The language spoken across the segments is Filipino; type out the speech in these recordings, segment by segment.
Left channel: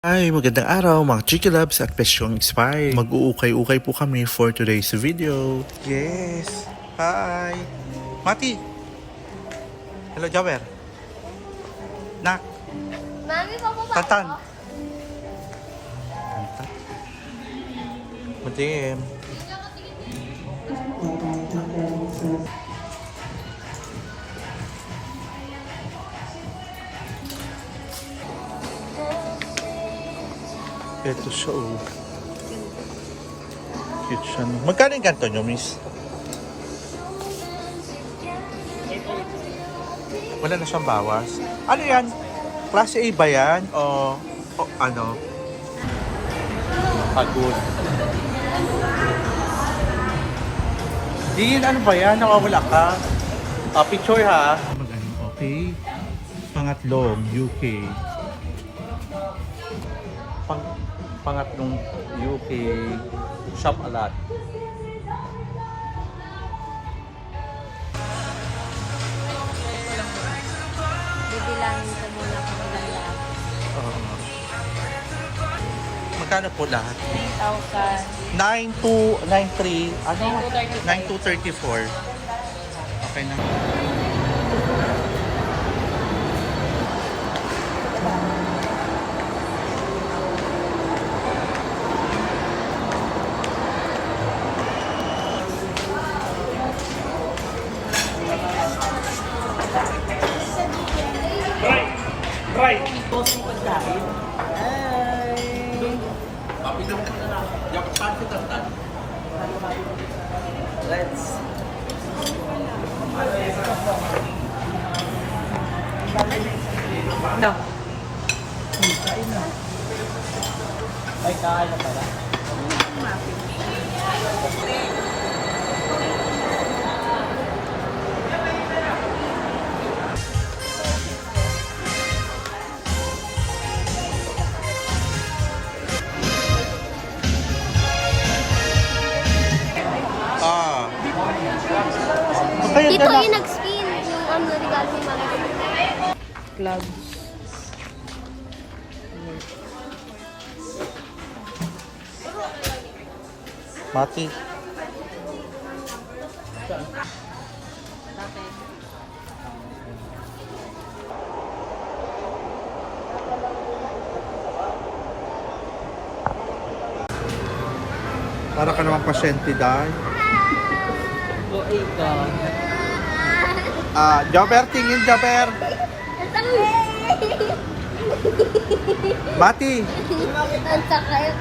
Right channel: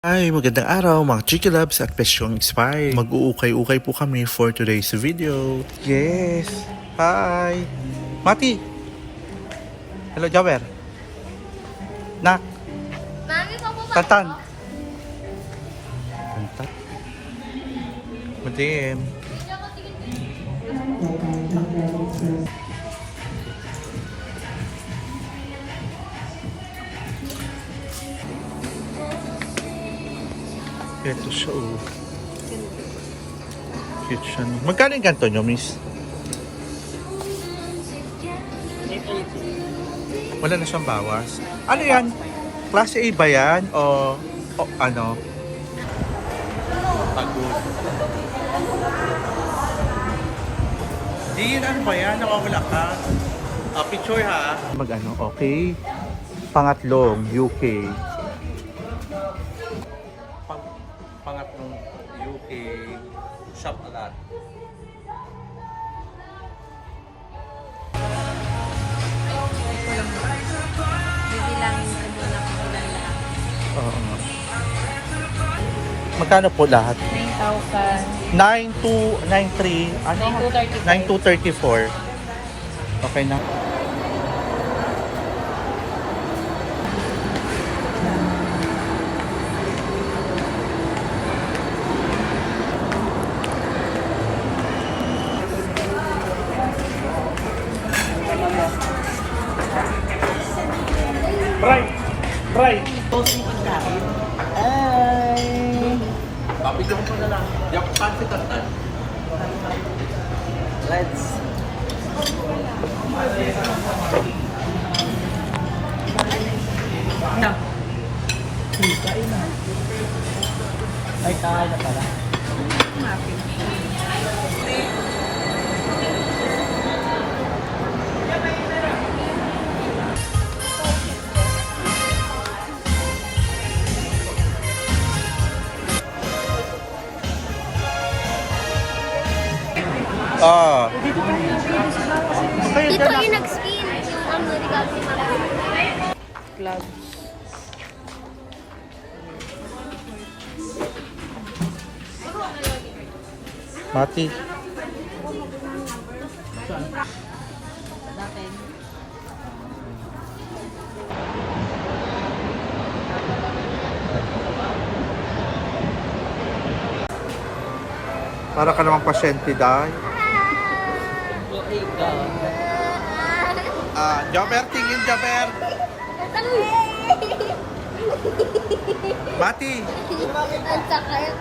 Hi, magandang araw mga Chiki Labs at Pesyong Expire. Mag-uukay-ukay po kami for today's video. Yes. Hi. Mati. Hello, Jaber. Nak. Mami, papo ka. Tantan. Tantan. Madim. Ito siya oh. Cute siya no. Magkano yung ganito nyo, miss? Wala na siyang bawas. Ano yan? Klase A ba yan? O, o ano? Pagod. Din, ano ba yan? Nakawala ka. Ah, picture ha. Mag ano, okay. Pangatlo, UK. Pang, pangatlong UK. Shop a lot. Bibilangin ko muna kung ilan. Oo. Magkano po lahat? 9,000. 9293 ano 9234 okay na Try! ah Kaya Dito na yung nag-spin. Yung ano, regalo ni mama. gloves. Mati Para ka naman pasyente daw. Ah, Jaber, tingin Jaber. Mati, Ang sakit.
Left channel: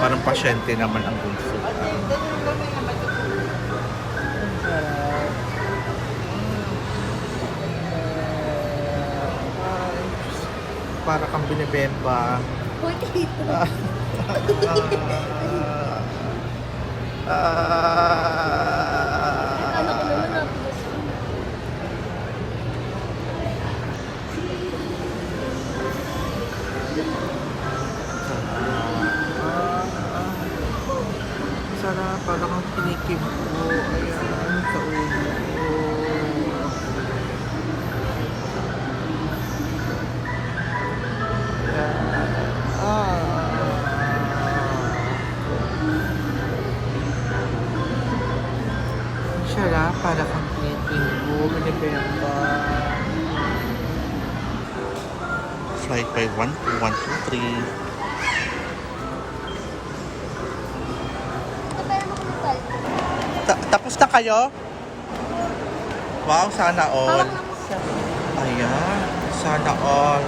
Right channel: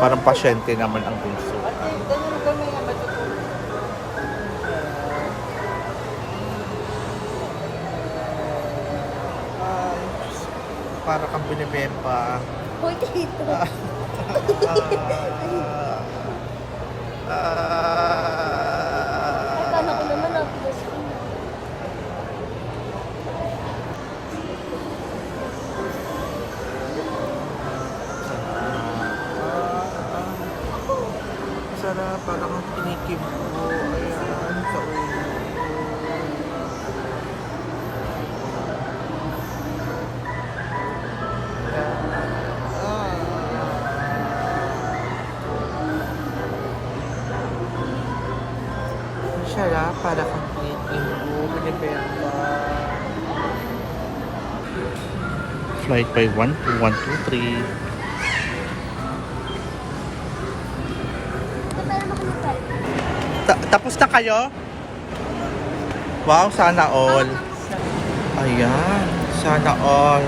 parang pasyente naman ang bunsuan. Para kang binibemba. Ah, ah, Ah, sarap, para kang kinikim ko. Ayan, sa ulo Sarap, para kang kinikim ko. Binibemba. Flight by 12123. Pero makulital. Ta- tapos na kayo? Wow, sana all. Ayan, sana all.